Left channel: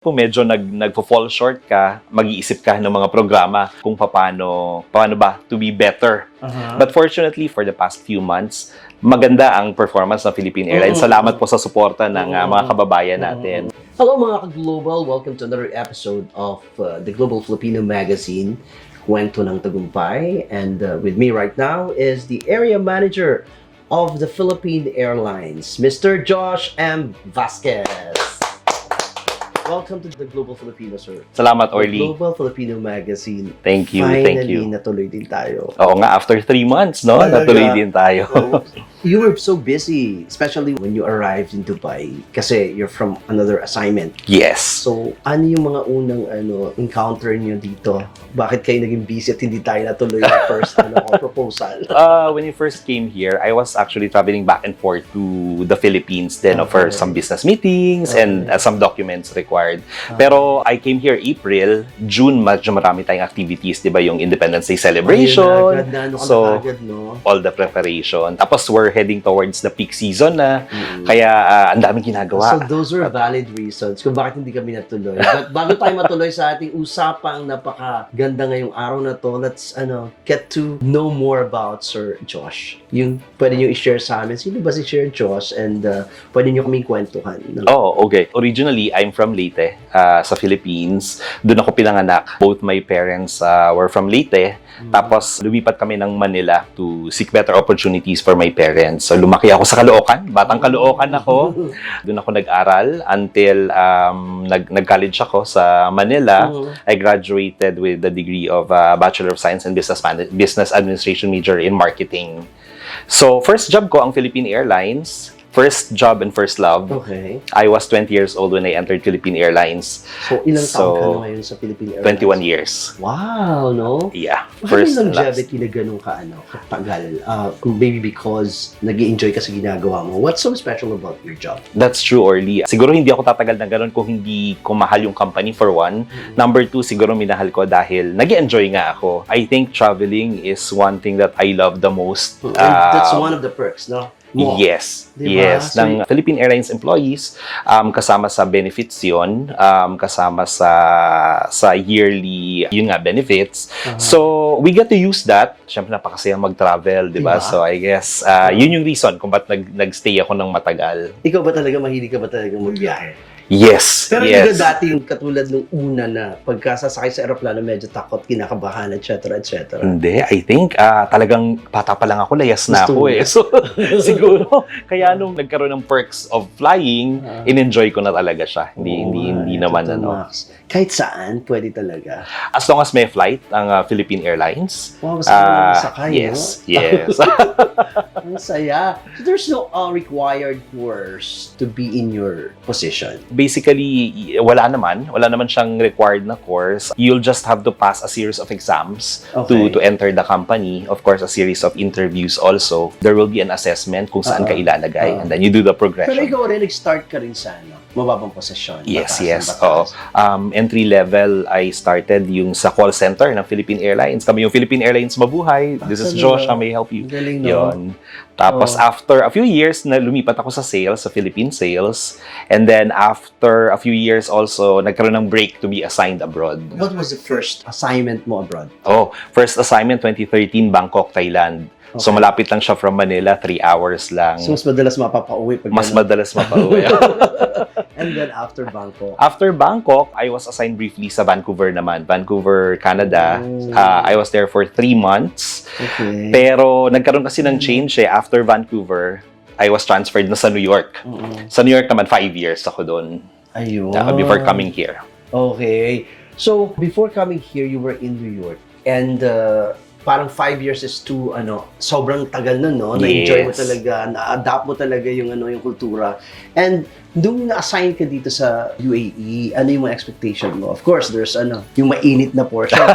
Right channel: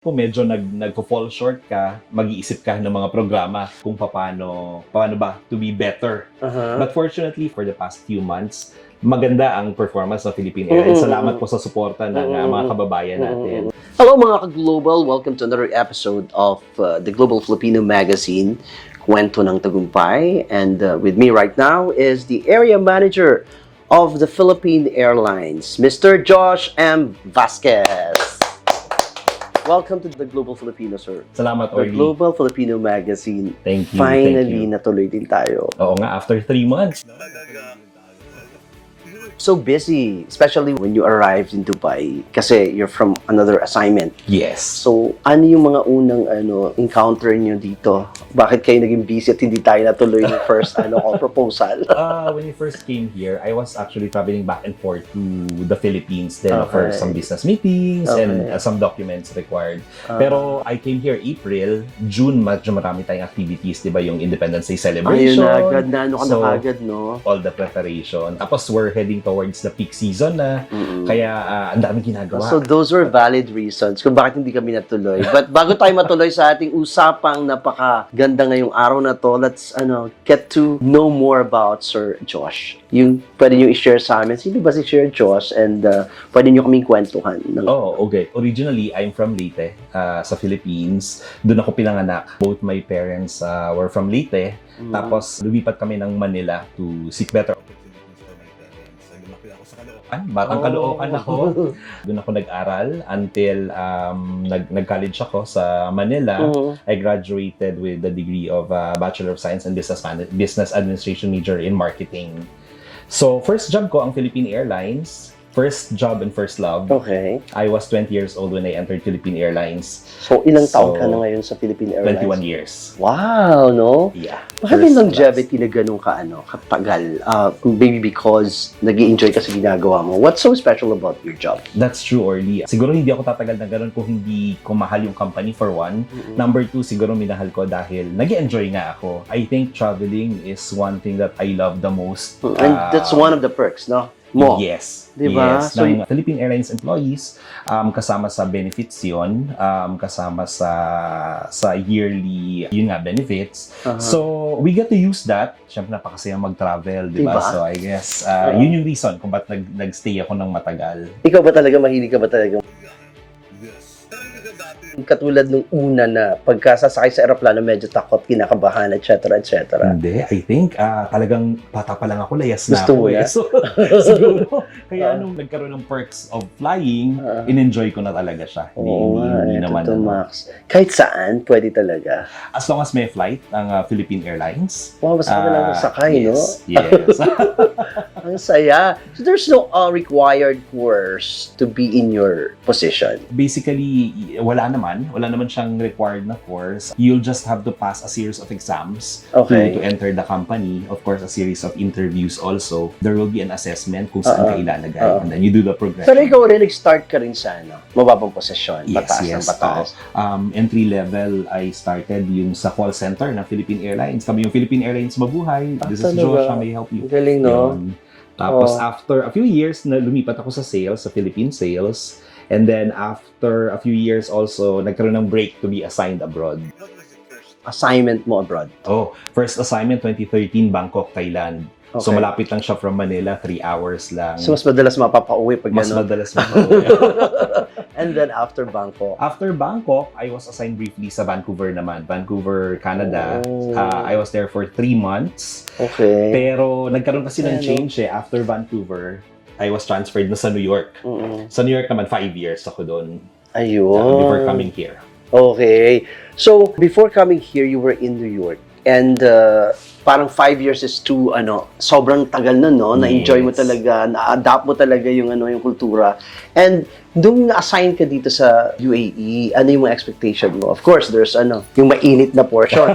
Kung medyo nagpo-fall short ka, mag-iisip ka ng mga programa kung paano ba to be better. But fortunately, for the past few months, maganda ang performance ng Philippine Airlines. Salamat po sa suporta ng mga kababayan natin. Hello mga ka-Global! Welcome to another episode of the Global Filipino Magazine, Kwento ng Tagumpay. And with me right now is the Area Manager of the Philippine Airlines, Mr. Josh M. Vasquez. Welcome to the Global Filipino, sir. Salamat, Orly. The Global Filipino Magazine. Thank you, Finally, thank you. natuloy din tayo. Oo nga, after 3 months, no? Natuloy din tayo. You were so busy, especially when you arrived in Dubai kasi you're from another assignment. Yes. So, ano yung mga unang encounter niyo dito? Bakit kayo naging busy at hindi tayo natuloy yung first proposal? When you first came here, I was actually traveling back and forth to the Philippines then for some business meetings and some documents required. Pero I came here April, June, medyo marami tayong activities, di ba? Yung Independence Day celebration. Ayun na, agad na, agad, no? All the preparation. Tapos we're heading towards the peak season na. Kaya ang daming ginagawa. So those were valid reasons kung bakit hindi kami natuloy. But bago tayo matuloy sa ating usapang napakaganda ngayong araw na to, let's get to know more about Sir Josh. Yung pwede nyo i-share sa amin. Sino ba si Sir Josh? And pwede nyo kaming kwentuhan. Oh, okay. Originally, I'm from Leyte, sa Philippines. Doon ako pinanganak. Both my parents were from Leyte. Tapos, lumipat kami ng Manila to seek better opportunities for my parents. So, lumaki ako sa Caloocan. Batang Caloocan ako. Doon ako nag-aral until nag-college ako sa Manila. I graduated with the degree of Bachelor of Science and Business Administration major in Marketing. So, first job ko ang Philippine Airlines. First job and first love. Okay. I was 20 years old when I entered Philippine Airlines. So, ilang taon ka na ngayon sa Philippine Airlines? 21 years. Wow, no? Yeah. Bakit yung longevity na ganun katagal? Maybe because nag-i-enjoy ka sa ginagawa mo. What's so special about your job? That's true, Orly. Siguro hindi ako tatagal na ganun kung hindi ko mahal yung company for one. Number two, siguro minahal ko dahil nag-i-enjoy nga ako. I think traveling is one thing that I love the most. And that's one of the perks, no? Yes. Diba? Yes. So, ng Philippine Airlines employees, kasama sa benefits yun, kasama sa yearly, yun nga, benefits. So, we get to use that. Siyempre, napakasaya mag-travel, diba? So, I guess, yun yung reason kung ba't nag-stay ako ng matagal. Ikaw ba talaga, mahilig ka ba talaga magbiyahe? Yes. Pero hindi ka dati yung katulad nung una na pagkasasakay sa aeroplano, medyo takot, kinakabahan, etc. Hindi. I think talagang bata pa lang ako, layas na ako eh. So, siguro, kaya nung nagkaroon ng perks of flying, in-enjoy ko na talaga siya. Hindi naman Max. Kahit saan, pwede talaga. As long as may flight ang Philippine Airlines. Wow, basta ka lang masakay, yes, no? Yes. Ang saya. So there's no required course to be in your position? Basically, wala naman siyang required na course. You'll just have to pass a series of exams to enter the company. Of course, a series of interviews also. There will be an assessment kung saan ka ilalagay. And then you do the progression. Pero ikaw rin, nag-start ka rin sa mababang posisyon. Yes. Entry level, I started yung sa call center ng Philippine Airlines. Kami yung Philippine Airlines Mabuhay. This is Josh, I may help you. Galing, no? Yun. Tapos after a few years, lumipat ako sa sales, sa Philippine sales. And then after a few years also, nagkaroon ng break to be assigned abroad. What was the first assignment mo abroad? First assignment 2013, Bangkok, Thailand. Okay. So malapit lang siya from Manila, 3 hours lang. So mas madalas mapapauwi pag madalas mapauwi. And then after Bangkok? After Bangkok, I was assigned briefly sa Vancouver naman. Vancouver, Canada. I was there for 3 months. Okay. Pero nagkaroon kasi ng change after Vancouver. I was transferred na sa New York. Sa New York naman, 5 years ako doon. Ayun. Before coming here. Okay. So, before coming here, you were in New York. And parang 5 years is too, sobrang tagal na, no? Na-enjoy mo talaga, na-adapt mo talaga yung kultura. And nung na-assign ka dito sa UAE, ano yung mga expectation mo? Of course, there's yung mainit na portion.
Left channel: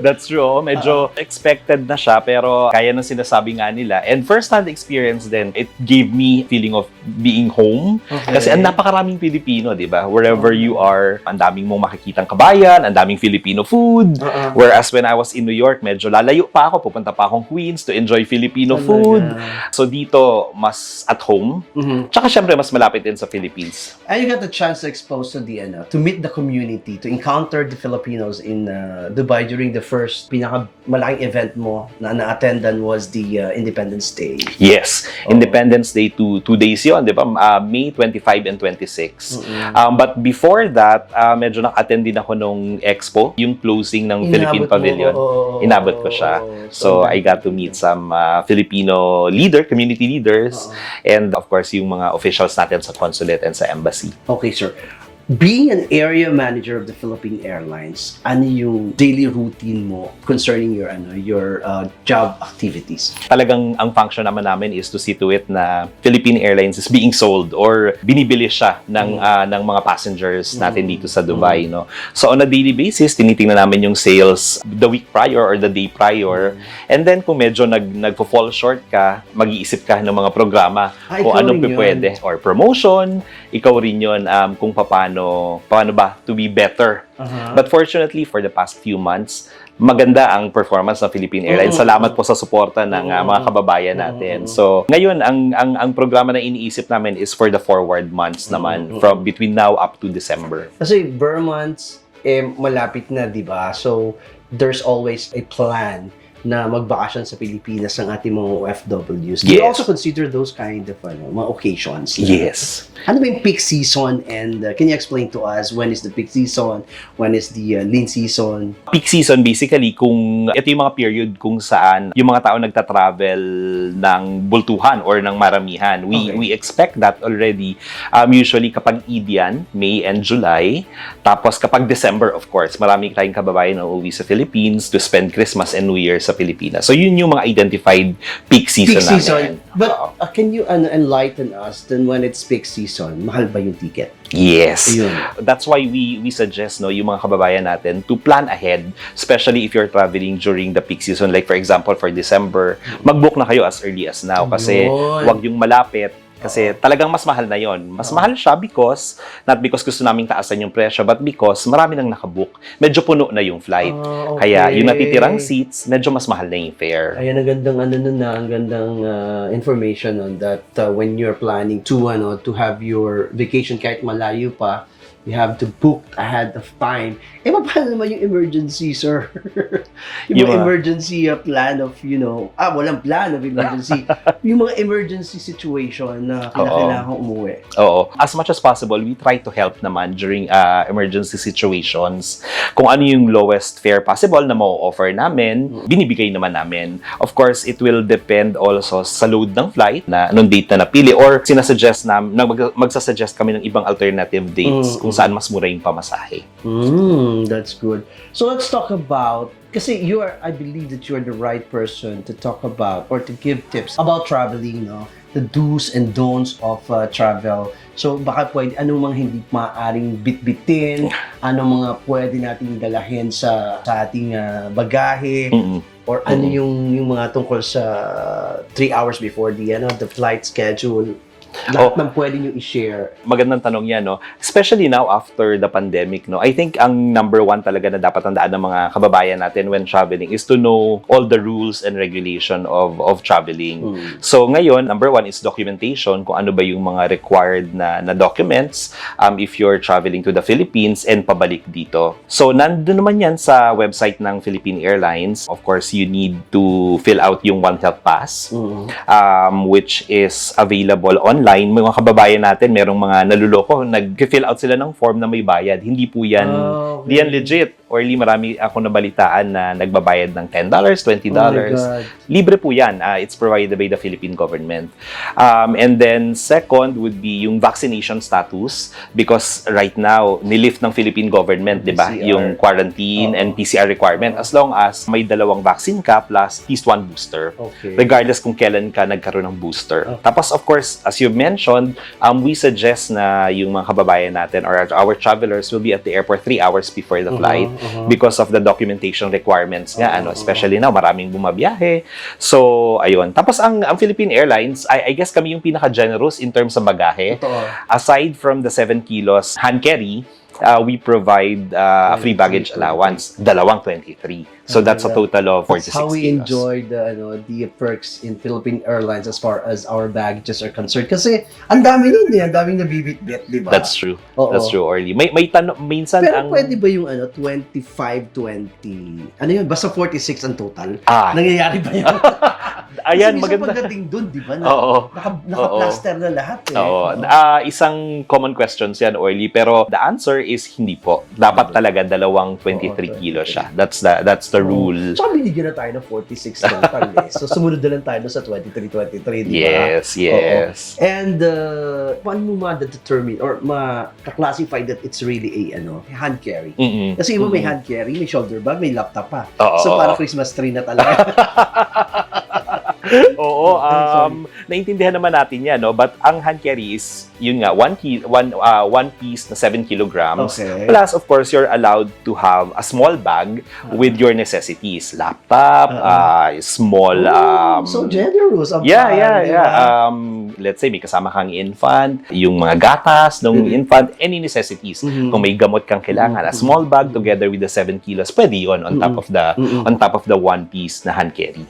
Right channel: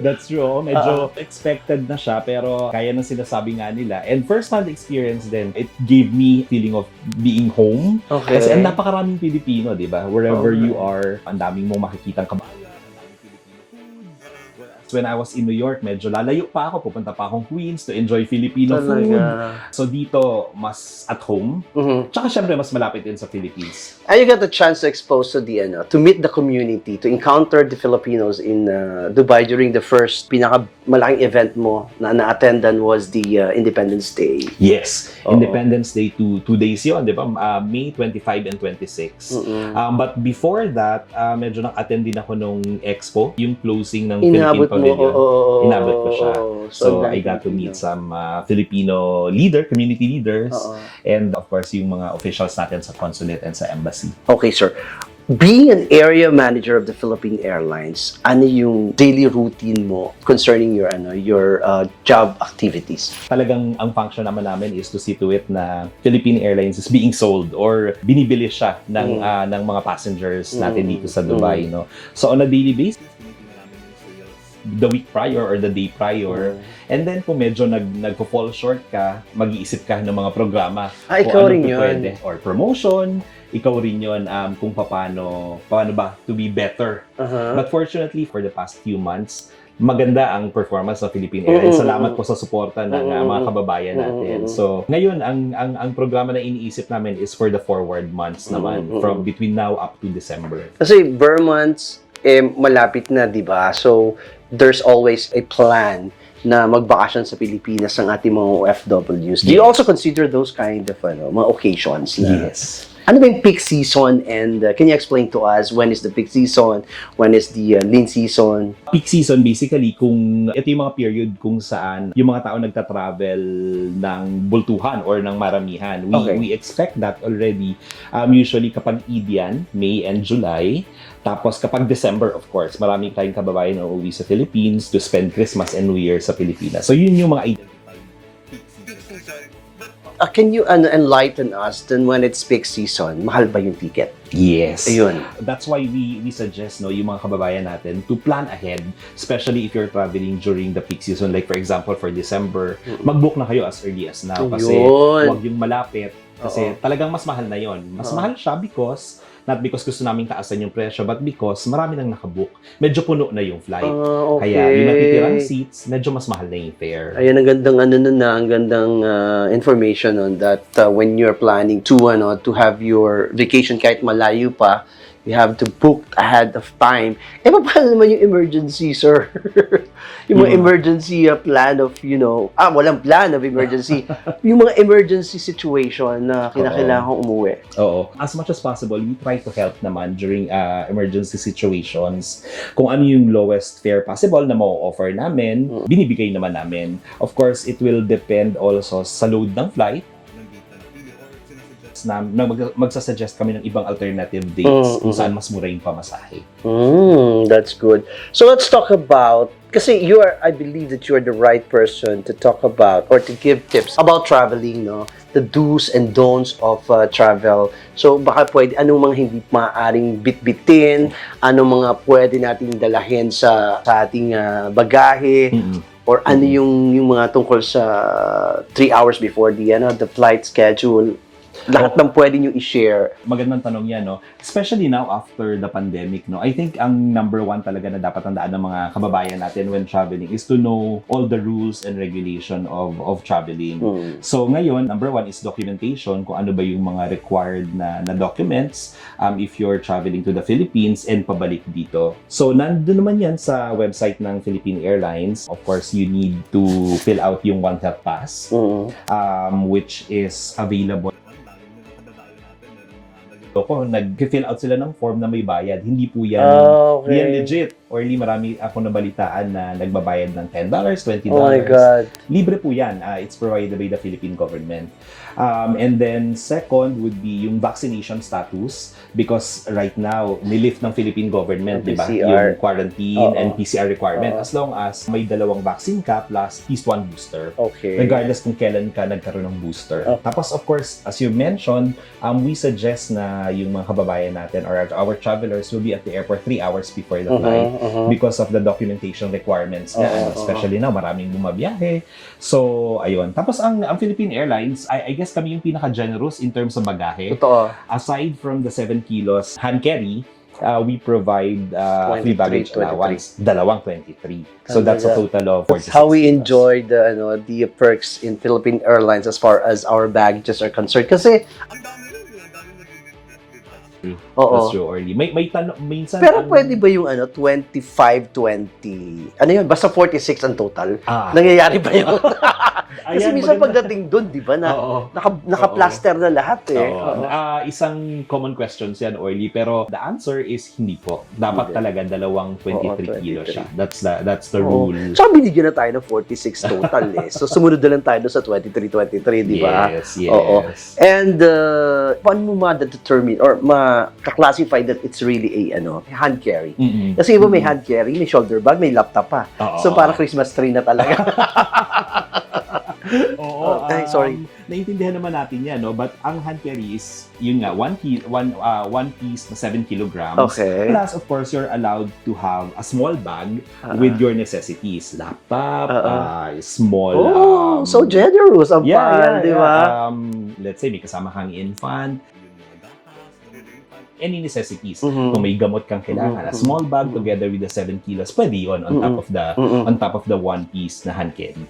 That's true. Medyo expected na siya pero kaya nang sinasabi nga nila. And first-hand experience din, it gave me feeling of being home. Okay. Kasi ang napakaraming Pilipino, di ba? Wherever you are, ang daming mong makikitang kabayan, ang daming Filipino food. Whereas when I was in New York, medyo lalayo pa ako. Pupunta pa akong Queens to enjoy Filipino food. So dito, mas at home. Tsaka syempre, mas malapit din sa Philippines. And you got the chance to expose to the to meet the community, to encounter the Filipinos in Dubai during the first pinakamalaking event mo na na-attendan was the Independence Day. Yes, Independence Day 2 days 'yon, 'di ba? May 25 and 26. But before that, medyo naka-attend din ako nung Expo, yung closing ng Philippine Pavilion. Inabot ko siya. So I got to meet some Filipino community leaders, and of course yung mga officials natin sa consulate and sa embassy. Okay, sir. Being an area manager of the Philippine Airlines, ano yung daily routine mo concerning your job activities? Talagang ang function naman namin is to see to it na Philippine Airlines is being sold or binibili siya ng mga passengers natin dito sa Dubai, no. So on a daily basis, tinitingnan namin yung sales the week prior or the day prior. And then kung medyo nagfo-fall short ka, mag-iisip ka ng mga programa kung anong pwede or promotion, ikaw rin yun kung paano ba to be better. But fortunately, for the past few months, maganda ang performance ng Philippine Airlines. Salamat po sa suporta ng mga kababayan natin. So, ngayon, ang programa na iniisip namin is for the forward months naman, from between now up to December. Kasi bare months, malapit na, di ba? So, there's always a plan na magbakasyon sa Pilipinas ang ating mga OFWs. Do you also consider those kind of mga occasions? Yes. Ano ba yung peak season, and can you explain to us when is the peak season, when is the lean season? Peak season basically kung ito yung mga period kung saan yung mga tao nagta-travel ng bultuhan or ng maramihan. We expect that already usually kapag Eid yan, May and July. Tapos kapag December, of course, marami tayong kababayan na uuwi sa Philippines to spend Christmas and New Year sa Pilipinas. So yun yung mga identified peak season namin. But can you enlighten us then when it's peak season? Mahal ba yung ticket? Yes. Ayun. That's why we suggest yung mga kababayan natin to plan ahead, especially if you're traveling during the peak season. Like for example, for December, mag-book na kayo as early as now kasi wag yung malapit. Kasi talagang mas mahal na yon. Mas mahal siya because, not because gusto naming taasan yung presyo, but because marami nang nakabook. Medyo puno na yung flight. Kaya yung natitirang seats, medyo mas mahal na yung fare. Ayan, ang gandang ang gandang information on that when you're planning to have your vacation kahit malayo pa, you have to book ahead of time. Paano naman yung emergency, sir? yung mga emergency plan of, walang plan of emergency. Yung mga emergency situation na kailangan umuwi. Oo. As much as possible, we try to help naman during emergency situations. Kung ano yung lowest fare possible na ma-offer namin, binibigay naman namin. Of course, it will depend also sa load ng flight na anong date na napili or sinasuggest magsasuggest kami ng ibang alternative dates kung saan mas mura yung pamasahe. That's good. So let's talk about, kasi I believe that you are the right person to talk about or to give tips about traveling, no? The do's and don'ts of travel. So baka pwede, anong mga hindi maaaring bitbitin, anong mga pwede nating dalahin sa ating bagahe, or ano yung mga tungkol sa 3 hours before the flight schedule. Lahat ng pwede nyo i-share. Magandang tanong yan, no? Especially now after the pandemic, no? I think ang number one talaga na dapat tandaan ng mga kababayan natin when traveling is to know all the rules and regulation of traveling. So ngayon, number one is documentation, kung ano ba yung mga required na documents if you're traveling to the Philippines and pabalik dito. So nandun naman yan sa website ng Philippine Airlines. Of course, you need to fill out yung One Health Pass, which is available online. Mga kababayan natin, merong mga naluloko, nag-fill out sila ng form na may bayad. Hindi po yan, hindi yan legit. Or marami ako nabalitaan na nagbabayad ng $10, $20. Oh my God. Libre po yan. It's provided by the Philippine government. And then second would be yung vaccination status, because right now, nilift ng Philippine government, di ba? Yung quarantine and PCR requirement as long as may 2 vaccine ka plus at least 1 booster. Regardless kung kailan ka nagkaroon ng booster. Tapos of course, as you mentioned, we suggest na yung mga kababayan natin or our travelers will be at the airport 3 hours before the flight. because of the documentation requirements nga, especially now, maraming bumabiyahe. So, ayun. Tapos, ang Philippine Airlines, I guess kami yung pinaka-generous in terms of bagahe. Totoo. Aside from the 7 kilos hand carry, we provide free baggage allowance, dalawang 23. So that's a total of 46 That's how we kilos. enjoy the perks in Philippine Airlines as far as our baggages are concerned. Kasi ang dami nun ang daming nabibitbit, di ba? That's true. Oo. That's true, Orly. May tanong, minsan Pero pwede ba yung 25-20? Ano yun? Basta 46 ang total? Nangyayari ba yun? Ayan, kasi minsan maganda. pagdating dun, di ba? Oo. Naka-plaster na lahat eh. Oo. Isang common questions yan, Orly. Pero the answer is hindi po. Dapat talaga dalawang 23 kilos siya. That's the rule. So, binigyan na tayo ng 46 total eh. So, sumunod na lang tayo sa 23, di ba? Yes, yes. Oo. And, paano mo ma-determine or ma-classify that it's really a hand carry? Kasi iba may hand carry, may shoulder bag, may laptop pa. So, para Christmas tree na talaga. Oo, sorry. naintindihan naman natin yan, no? But ang hand carry is, yun nga, one piece na 7 kilograms. Okay. Plus, of course, you're allowed to have a small bag with your necessities. Laptop, small... so generous ang yeah. diba? Let's say, may kasama kang infant, yung mga gatas ng infant, any necessities. Kung may gamot kang kailangan, a small bag together with the 7 kilos, pwede yun on top of the one piece na hand carry.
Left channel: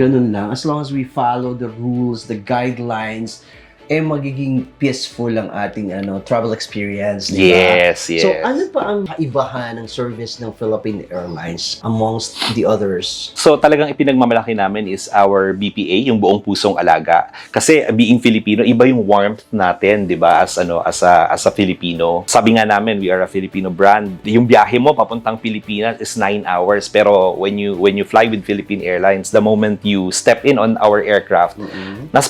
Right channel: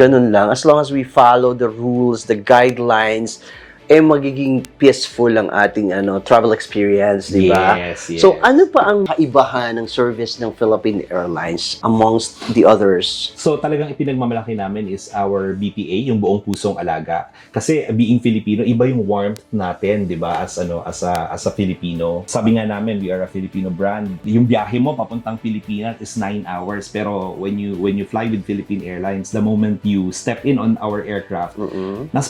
Ganun lang. As long as we follow the rules, the guidelines, magiging peaceful ang ating travel experience, di ba? Yes. So, ano pa ang kaibahan ng service ng Philippine Airlines amongst the others? So, talagang ipinagmamalaki namin is our BPA, yung buong pusong alaga. Kasi being Filipino, iba yung warmth natin, di ba? As a Filipino. Sabi nga namin, we are a Filipino brand. Yung biyahe mo papuntang Pilipinas is 9 hours. Pero when you fly with Philippine Airlines, the moment you step in on our aircraft,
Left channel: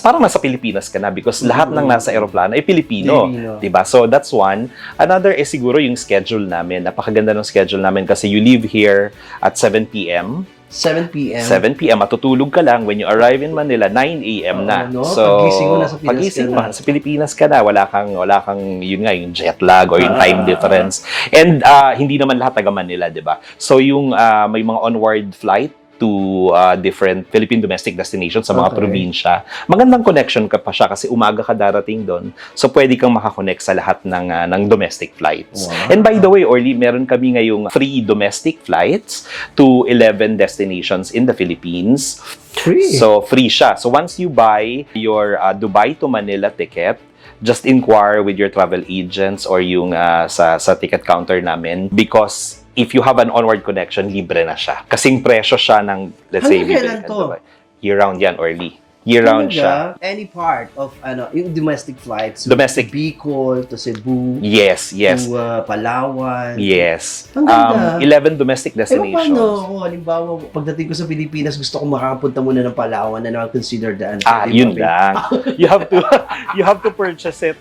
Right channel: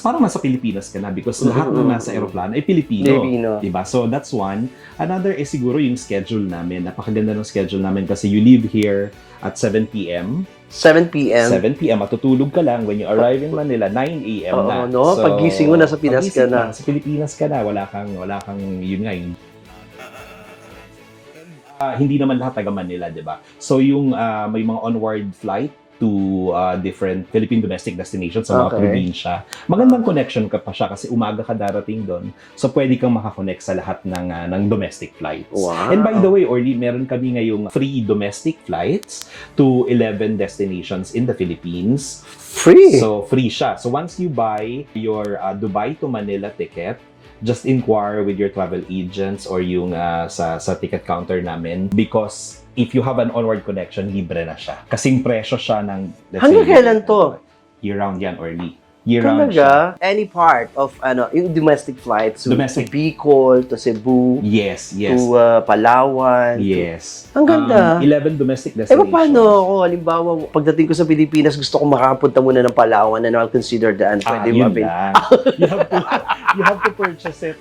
parang nasa Pilipinas ka na because lahat ng nasa aeroplano ay Pilipino. Diba? So, that's one. Another is siguro yung schedule namin. Napakaganda ng schedule namin kasi you leave here at 7 p.m. 7 p.m. 7 p.m. Matutulog ka lang. When you arrive in Manila, 9 a.m. na. So, pagising mo na sa Pinas ka na. Sa Pilipinas ka na. Wala kang yun nga, yung jet lag or yung time difference. And hindi naman lahat taga Manila, diba? So, yung may mga onward flight to different Philippine domestic destinations sa mga probinsya. Magandang connection ka pa siya kasi umaga ka darating doon. So, pwede kang makakonect sa lahat ng domestic flights. Wow. And by the way, Orly, meron kami ngayong free domestic flights to 11 destinations in the Philippines. Free? So, free siya. So, once you buy your Dubai to Manila ticket, just inquire with your travel agents or yung sa ticket counter namin because if you have an onward connection, libre na siya. Kasing presyo siya ng, let's say, kailan to? Year-round yan, Orly. Year-round siya. Any part of, yung domestic flights. Domestic. To Bicol, to Cebu. Yes. To Palawan. Yes. Ang ganda. 11 domestic destinations. Paano ako? Halimbawa, pagdating ko sa Pilipinas, gusto ko makapunta muna ng Palawan and I'll consider the yun lang. You have to purchase it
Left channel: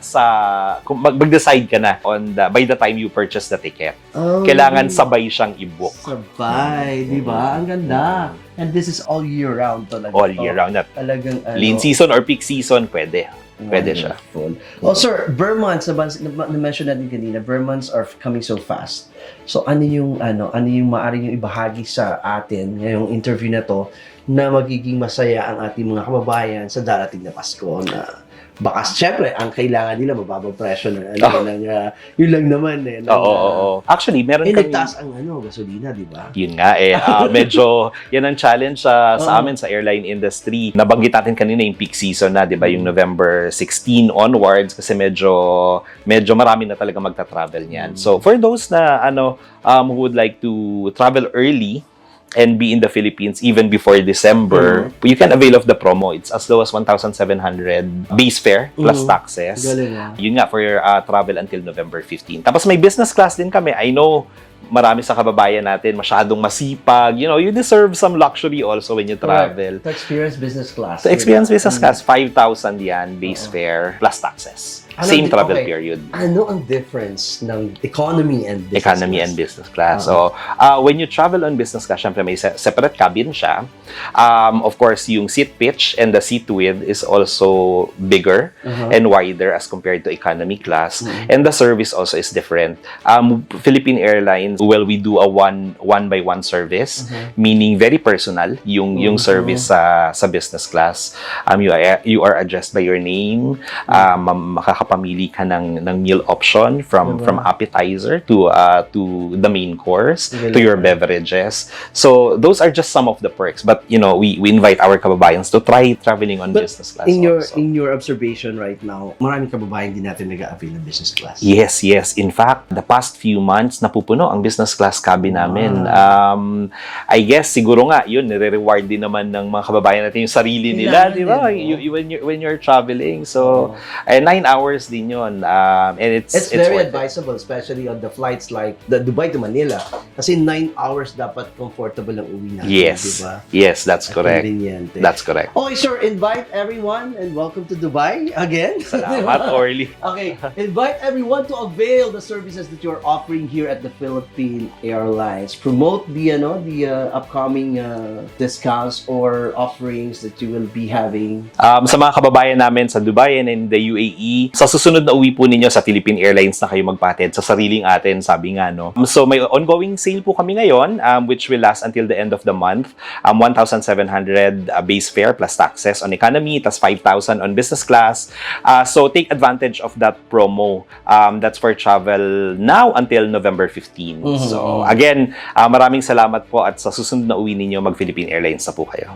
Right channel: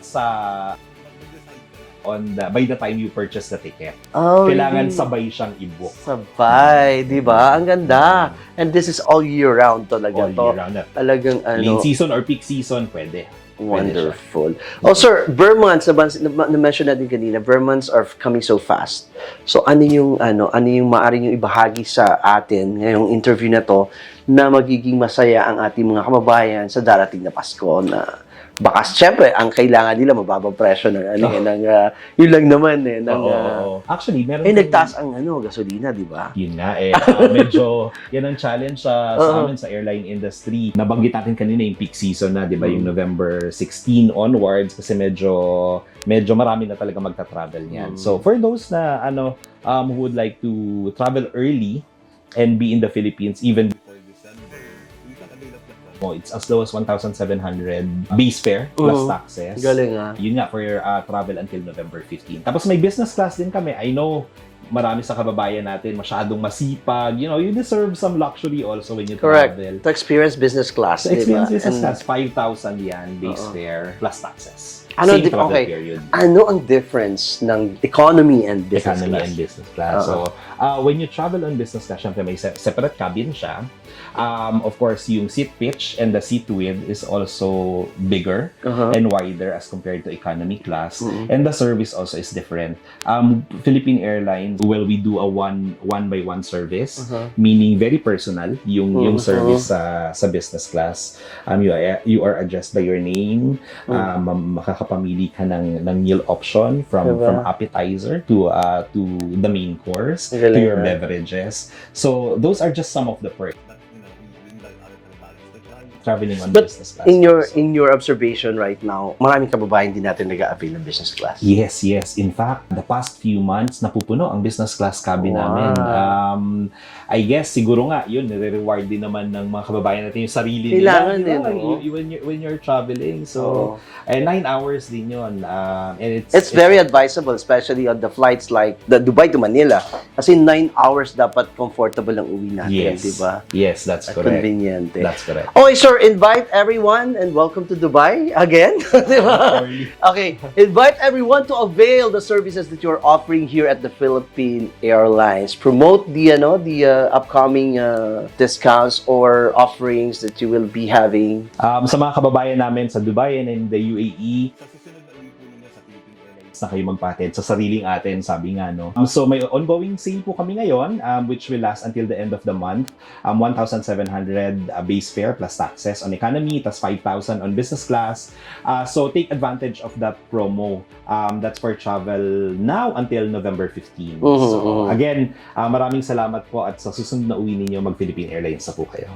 kung mag-decide ka na by the time you purchase the ticket. Kailangan sabay siyang i-book. Sabay, di ba? Ang ganda. And this is all year round talaga. All year round. Talagang lean season or peak season, pwede. Pwede siya. Wonderful. Oh, sir, bare months, na-mention natin kanina, bare months are coming so fast. So, ano yung maaari yung ibahagi sa atin ngayong interview na to na magiging masaya ang ating mga kababayan sa darating na Pasko na baka syempre ang kailangan nila mababang presyo ng yun lang naman eh. Oo. Actually, meron nagtaas ang gasolina, di ba? Yun nga medyo yan ang challenge sa amin sa airline industry. Nabanggit natin kanina yung peak season na, di ba? Yung November 16 onwards kasi medyo marami na talaga magta-travel niyan. So for those na who would like to travel early and be in the Philippines even before December, you can avail of the promo. It's as low as 1,700 base fare plus taxes. Galing ah. Yun nga, for your travel until November 15. Tapos may business class din kami. I know marami sa kababayan natin masyadong masipag. You deserve some luxury also when you travel. To experience business class. To experience business class, 5,000 yan base fare plus taxes. Same travel period. Ano ang difference ng economy and business Economy class? and business class. So, when you travel on business class, syempre may separate cabin siya. Of course, yung seat pitch and the seat width is also bigger and wider as compared to economy class. And the service also is different. Philippine Airlines, well, we do a one-by-one service, meaning very personal yung service sa business class. You are addressed by your name. Makakapamili ka ng meal option from appetizer to the main course to your beverages. So those are just some of the perks. But we invite our kababayans to try traveling on business class. In your observation right now, maraming kababayan din natin nag-a-avail ng business class. Yes. In fact, the past few months napupuno ang business class cabin namin. I guess siguro nga yun, nire-reward din naman ng mga kababayan natin yung sarili nila, di ba? When you're traveling. So 9 hours din yun. And it's very advisable, especially on the flights like the Dubai to Manila. Kasi 9 hours dapat comfortable ang uwi natin, yes. di ba? Yes, that's correct. Convenient. That's correct. Okay, sir, invite everyone and welcome to Dubai again. Early. Okay, invite everyone to avail the services that you're offering here at the Philippine Airlines. Promote the upcoming discounts or offerings that you will be having. Sa mga kababayan namin sa Dubai and in the UAE, sa susunod na uwi po ninyo sa Philippine Airlines na kayo magpatid sa sariling atin, sabi nga, no? So may ongoing sale po kami ngayon, which will last until the end of the month. 1,700 base fare plus taxes on economy, tas 5,000 on business class. So take advantage of that promo. That's for travel now until November 15. So again, maraming salamat po at sa susunod na uwi ninyo, mag-Philippine Airlines na po kayo.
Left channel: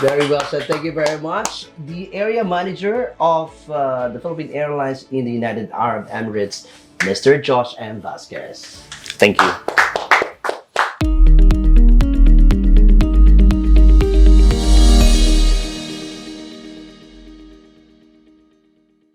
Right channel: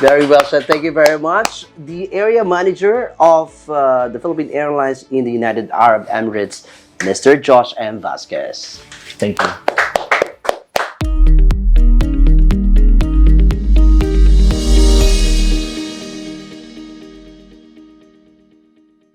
Very well said. Thank you very much. The area manager of the Philippine Airlines in the United Arab Emirates, Mr. Josh M. Vasquez. Thank you.